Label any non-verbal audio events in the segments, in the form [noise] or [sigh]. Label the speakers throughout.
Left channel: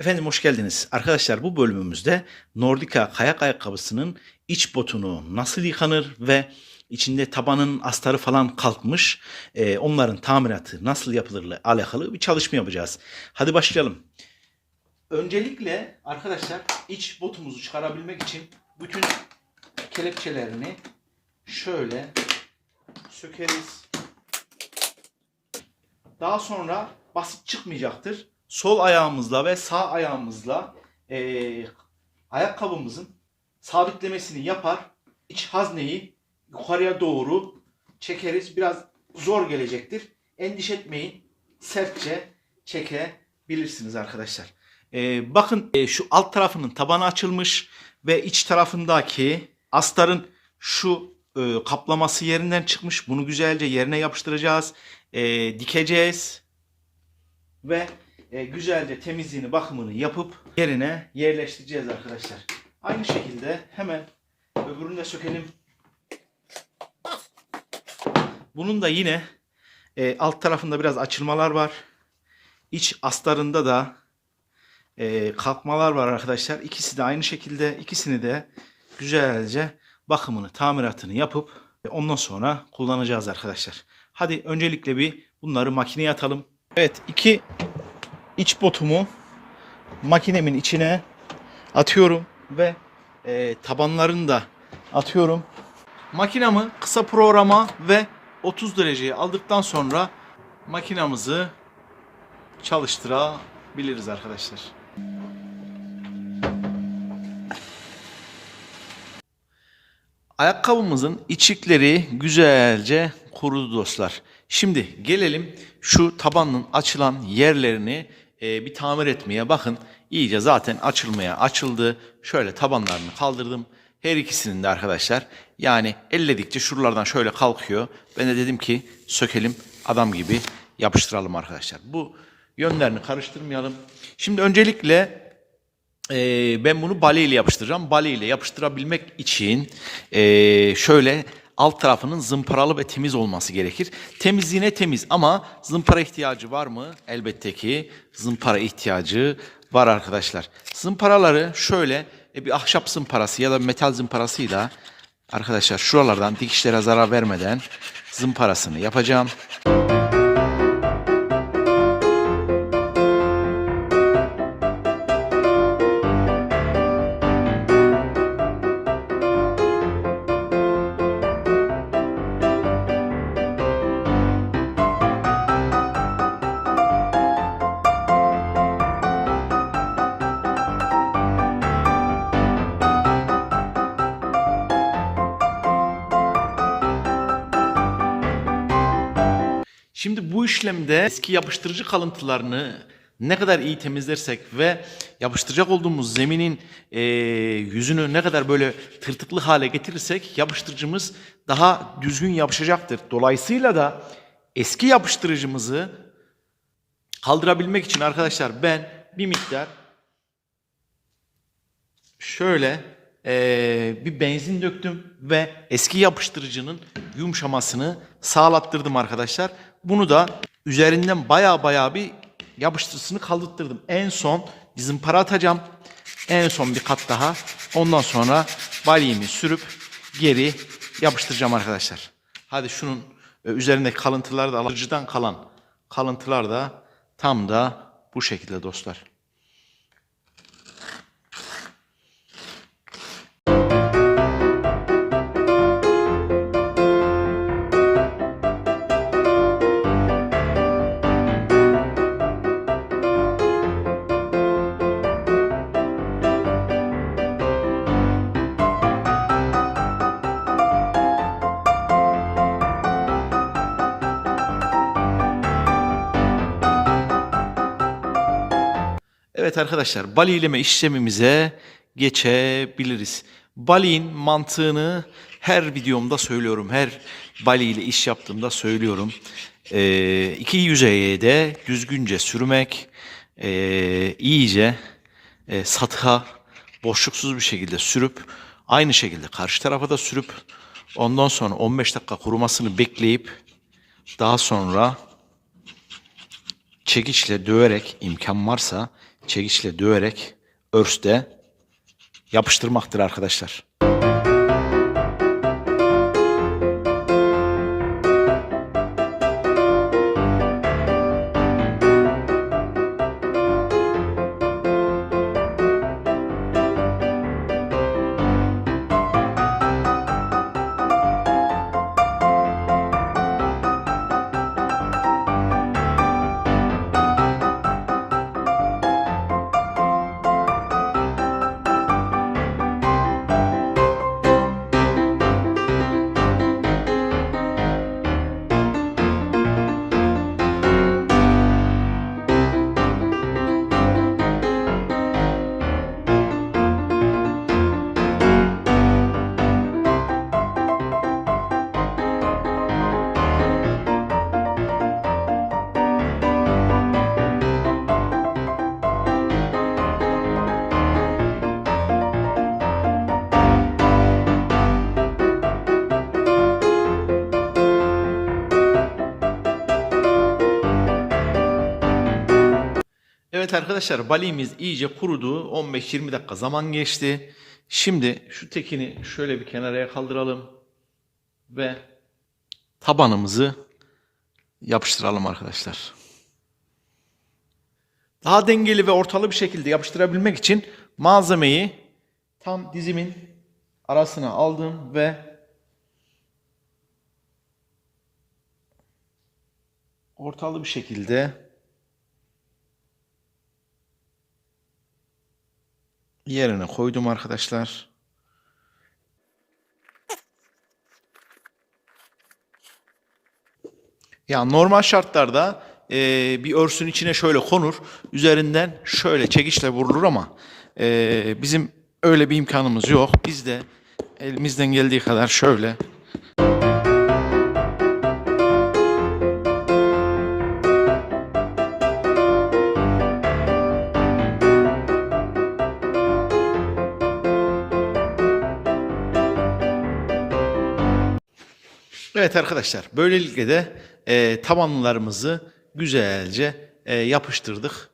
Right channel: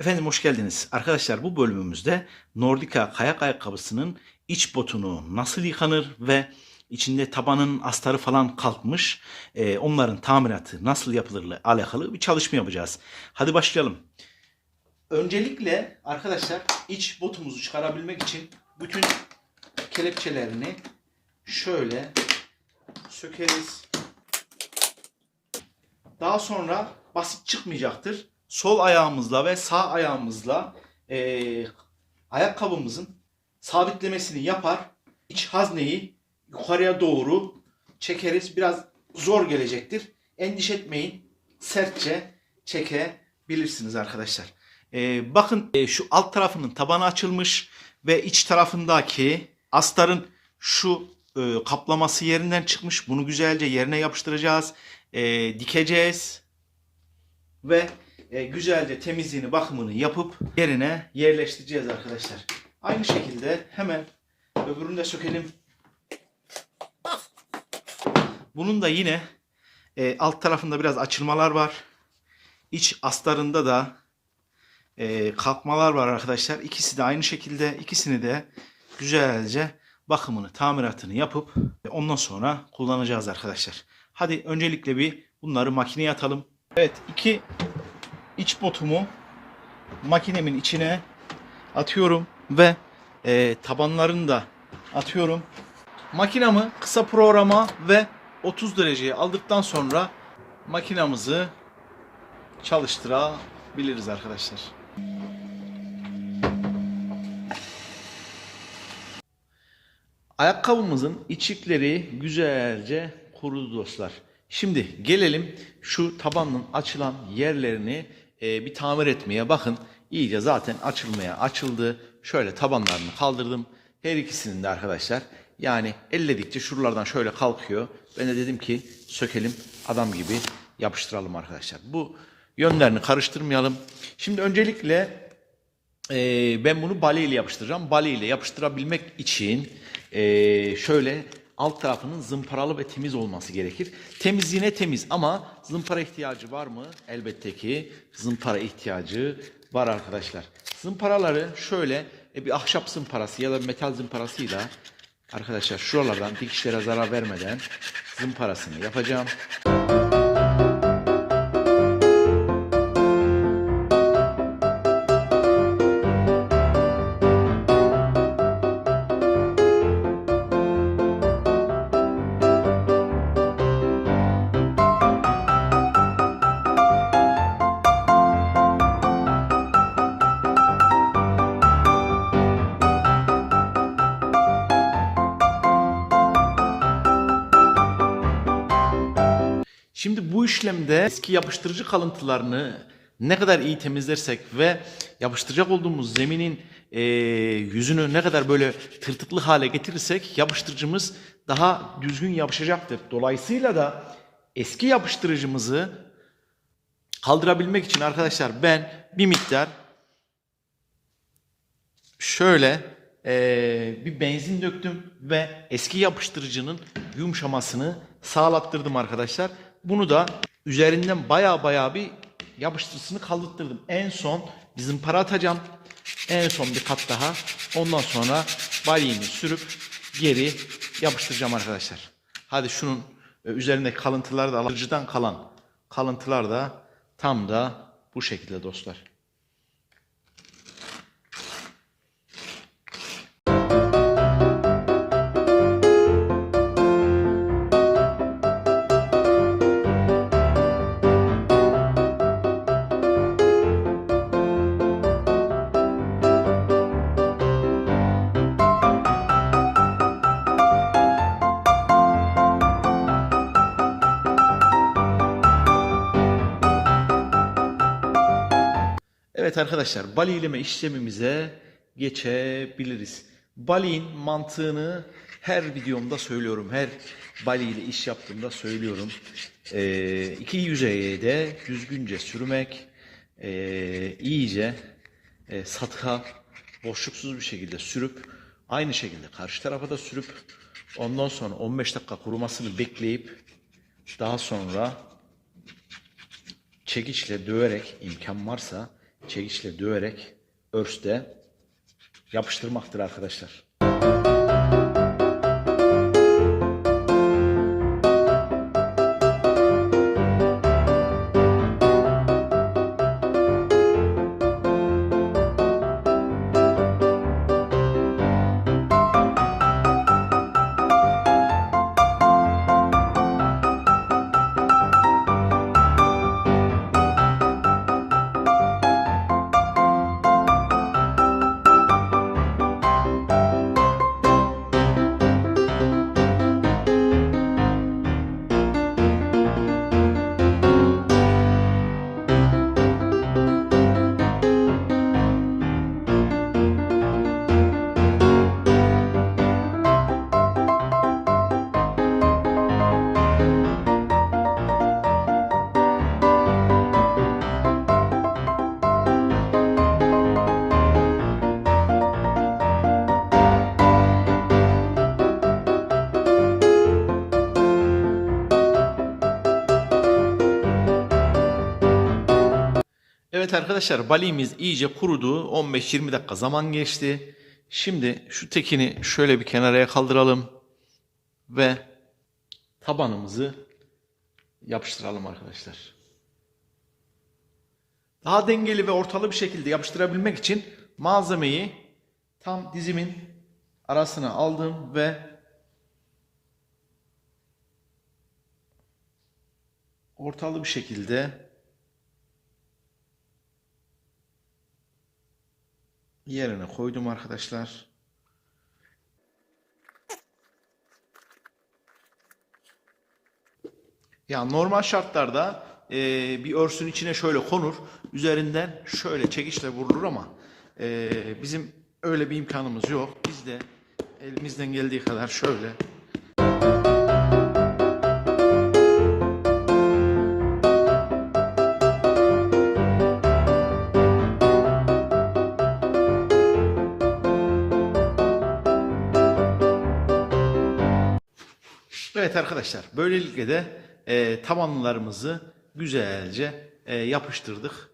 Speaker 1: Efendim hoş geldiniz. Arkadaşlar bu bölümümüzde Nordica kayak ayakkabısının iç botunu nasıl yıkanır ve içinde tabanın astarı falan kalkmış. e, onların tamiratı nasıl yapılırla alakalı bir çalışma yapacağız. Hadi başlayalım. Öncelikle arkadaşlar iç botumuzu çıkarabilmek için bütün kelepçelerini şöyle sökeriz. Daha sonra basit çıkmayacaktır. Sol ayağımızla ve sağ ayağımızla eee, ayakkabımızın sabitlemesini yapar. İç hazneyi yukarıya doğru çekeriz. Biraz zor gelecektir. Endişe etmeyin. Sertçe çekebilirsiniz arkadaşlar. Eee, bakın eee, şu alt tarafının tabanı açılmış ve iç tarafındaki astarın şu eee, kaplaması yerinden çıkmış. Bunu güzelce yerine yapıştıracağız. Eee, dikeceğiz ve e, güzelce temizliğini bakımını yapıp yerine yerleştireceğiz arkadaşlar. Aynı şekilde hemen öbürünü de sökelim. Bunun da yine e, alt tarafında biraz açılmalar var. İç astarında da e, kalkmalar var arkadaşlar. İkisi de aynı şekilde ikisini de güzelce bakımını, tamiratını yapıp e, ondan sonra kullanacağız arkadaşlar. Hadi öncelikle bir bunları makineye atalım. Evet iki iç botumu makinemin içine atıyorum ve e, tabanlarını da atıyorum. Makinamı kısa programa ve 30 dereceye aldıktan sonra makinamızı çalıştırabiliriz arkadaşlar. Ayakkabımızın içikleri güzelce kurudu dostlar. Şimdi gelelim şu tabanın açılan yerlerini e, bir tamir etmeye. Bakın iyice zaten açılmaya açıldı. Şöyle tabanlarını kaldırdım. Her ikisinin de arkadaşlar yani elledikçe şuralardan şöyle kalkıyor. Ben de dedim ki sökelim adam gibi yapıştıralım arkadaşlar. Bu yönlerini karıştırmayalım. Şimdi öncelikle ee, ben bunu bale ile yapıştıracağım. Bale ile yapıştırabilmek için ee, şöyle alt tarafının zımparalı ve temiz olması gerekir. Temizliğine temiz ama zımpara ihtiyacı var mı? Elbette ki zımpara ihtiyacı var arkadaşlar. Zımparaları şöyle e, bir ahşap zımparası ya da metal zımparasıyla arkadaşlar şuralardan dikişlere zarar vermeden zımparasını yapacağım. Şimdi bu işlemde eski yapıştırıcı kalıntılarını ne kadar iyi temizlersek ve yapıştıracak olduğumuz zeminin e, yüzünü ne kadar böyle tırtıklı hale getirirsek yapıştırıcımız daha düzgün yapışacaktır. Dolayısıyla da eski yapıştırıcımızı kaldırabilmek için arkadaşlar ben bir miktar şöyle eee, bir benzin döktüm ve eski yapıştırıcının yumuşamasını sağlattırdım arkadaşlar. Bunu da üzerinden baya baya bir yapıştırısını kaldırttırdım. En son bir zımpara atacağım. En son bir kat daha. Ondan sonra balyemi sürüp geri yapıştıracağım arkadaşlar. Hadi şunun e, üzerindeki kalıntılar da alıcıdan kalan kalıntılar da tam da bu şekilde dostlar. Evet arkadaşlar balileme işlemimize geçebiliriz. Baliğin mantığını her videomda söylüyorum. Her bali ile iş yaptığımda söylüyorum. Ee, iki yüzeye de düzgünce sürmek, ee, iyice e, satığa boşluksuz bir şekilde sürüp aynı şekilde karşı tarafa da sürüp ondan sonra 15 dakika kurumasını bekleyip daha sonra çekiçle döverek imkan varsa çekiçle döverek örste yapıştırmaktır arkadaşlar. Evet arkadaşlar balimiz iyice kurudu. 15-20 dakika zaman geçti. Şimdi şu tekini şöyle bir kenaraya kaldıralım ve tabanımızı yapıştıralım arkadaşlar. Daha dengeli ve ortalı bir şekilde yapıştırabilmek için malzemeyi tam dizimin arasına aldım ve ortalı bir şekilde yerine koydum arkadaşlar. Ya normal şartlarda e, bir örsün içine şöyle konur, üzerinden şöyle çekiçle vurulur ama e, bizim öyle bir imkanımız yok. Biz de elimizden geldiği kadar şöyle Evet arkadaşlar böylelikle de e, tabanlarımızı güzelce e, yapıştırdık.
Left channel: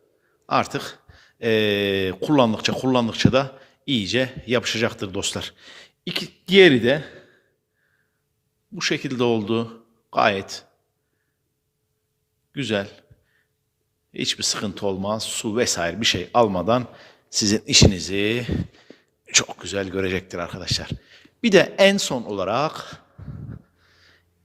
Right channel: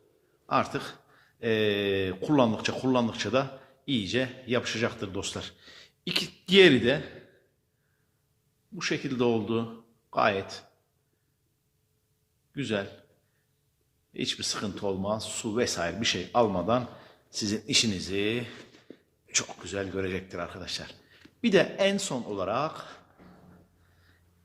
Speaker 1: Artık e, kullandıkça kullandıkça da iyice yapışacaktır dostlar. İki, diğeri de bu şekilde oldu. Gayet güzel. Hiçbir sıkıntı olmaz. Su vesaire bir şey almadan sizin işinizi çok güzel görecektir arkadaşlar. Bir de en son olarak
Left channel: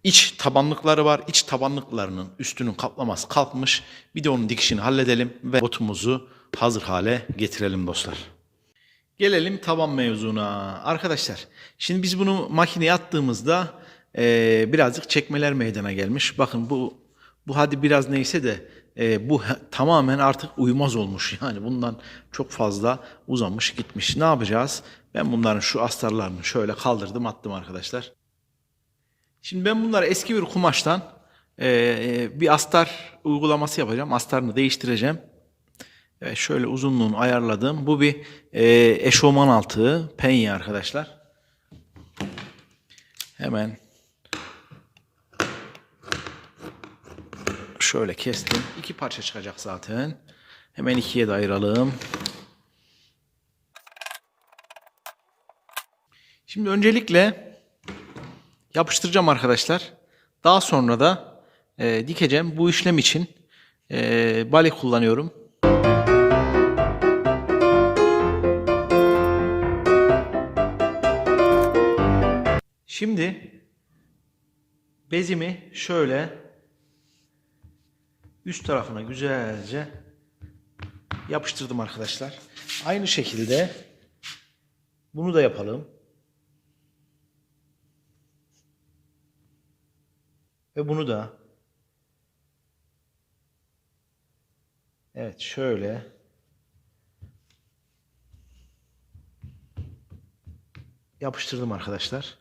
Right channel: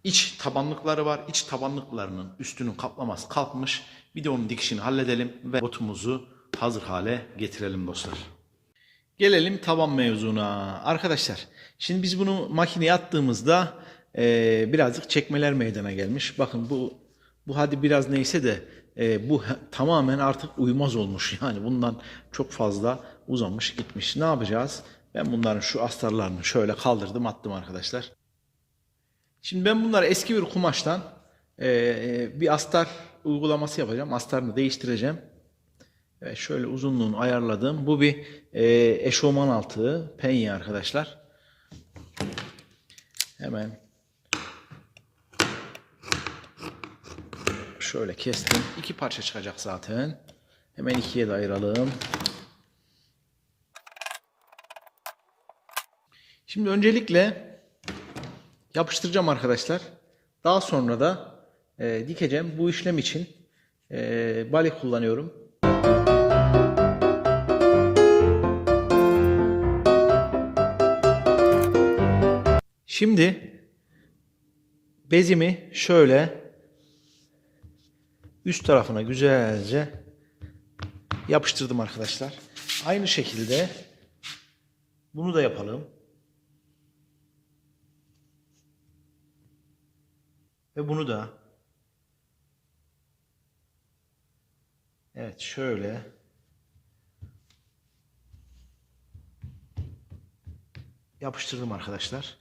Speaker 1: İç tabanlıkları var. İç tabanlıklarının üstünün kaplaması kalkmış. Bir de onun dikişini halledelim ve botumuzu hazır hale getirelim dostlar. Gelelim taban mevzuna. Arkadaşlar şimdi biz bunu makineye attığımızda e, birazcık çekmeler meydana gelmiş. Bakın bu bu hadi biraz neyse de e, bu tamamen artık uymaz olmuş. [laughs] Yani bundan çok fazla uzamış gitmiş. Ne yapacağız? Ben bunların şu astarlarını şöyle kaldırdım attım arkadaşlar. Şimdi ben bunları eski bir kumaştan e, bir astar uygulaması yapacağım. Astarını değiştireceğim. Evet, şöyle uzunluğunu ayarladım. Bu bir e, eşofman altı penye arkadaşlar. Hemen şöyle kestim. İki parça çıkacak zaten. Hemen ikiye de ayıralım. Şimdi öncelikle yapıştıracağım arkadaşlar. Daha sonra da e, dikeceğim. Bu işlem için e, bale kullanıyorum. Şimdi bezimi şöyle üst tarafına güzelce yapıştırdım arkadaşlar. Aynı şekilde bunu da yapalım. Ve bunu da Evet şöyle yapıştırdım arkadaşlar.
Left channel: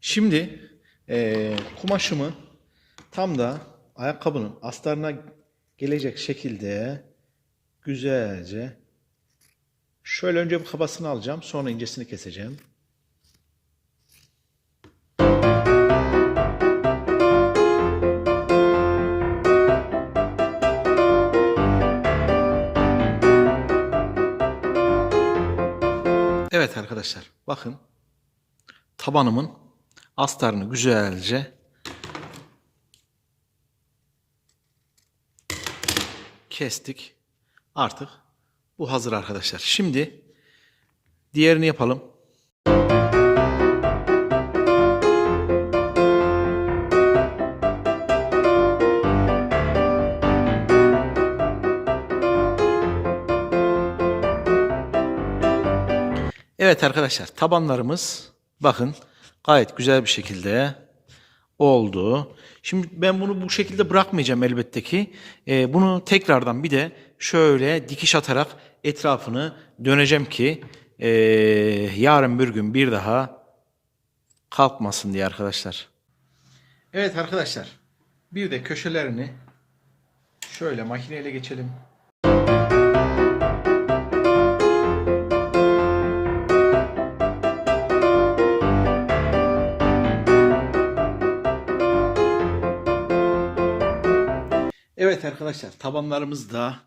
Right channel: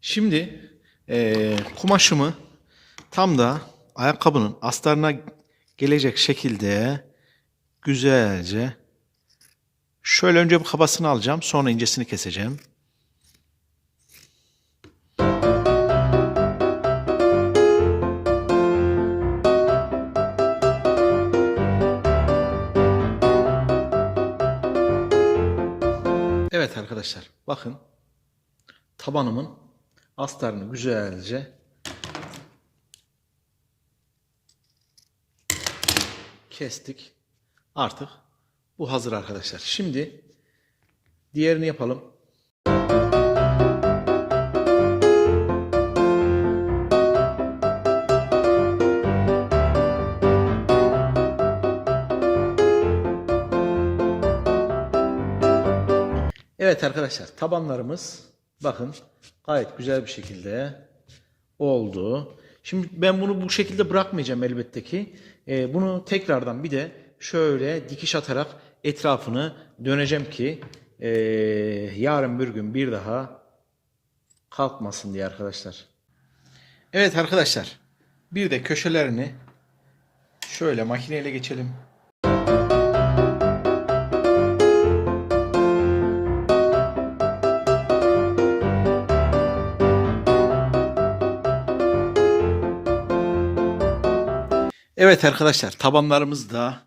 Speaker 1: Şimdi e, kumaşımı tam da ayakkabının astarına gelecek şekilde güzelce şöyle önce bir kabasını alacağım sonra incesini keseceğim. Evet arkadaşlar bakın tabanımın astarını güzelce kestik. Artık bu hazır arkadaşlar. Şimdi diğerini yapalım. Evet arkadaşlar tabanlarımız bakın gayet güzel bir şekilde oldu. Şimdi ben bunu bu şekilde bırakmayacağım elbette ki. Ee, bunu tekrardan bir de şöyle dikiş atarak etrafını döneceğim ki ee, yarın bir gün bir daha kalkmasın diye arkadaşlar. Evet arkadaşlar bir de köşelerini şöyle makineyle geçelim. Evet arkadaşlar tabanlarımız da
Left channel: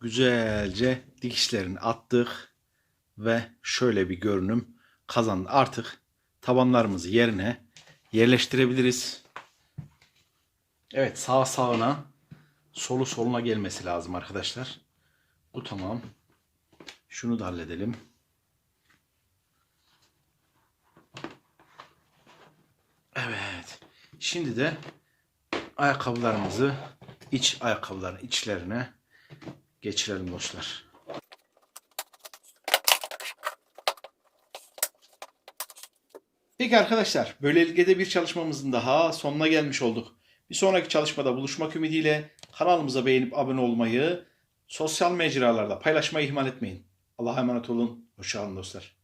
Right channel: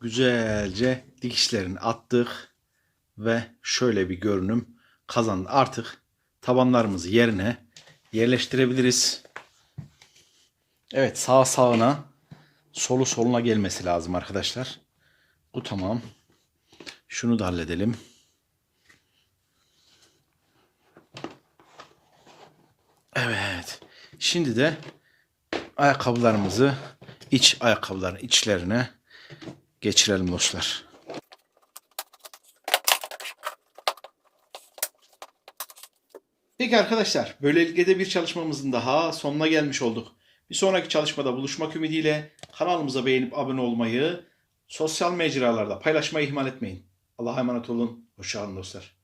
Speaker 1: güzelce dikişlerini attık ve şöyle bir görünüm kazandı. Artık tabanlarımızı yerine yerleştirebiliriz. Evet sağ sağına solu soluna gelmesi lazım arkadaşlar. Bu tamam. Şunu da halledelim. Evet. Şimdi de ayakkabılarımızı iç ayakkabıların içlerine geçirelim dostlar. Peki arkadaşlar, böylelikle de bir çalışmamızın daha sonuna gelmiş olduk. Bir sonraki çalışmada buluşmak ümidiyle kanalımıza beğenip abone olmayı, sosyal mecralarda paylaşmayı ihmal etmeyin. Allah'a emanet olun. Hoşçakalın dostlar.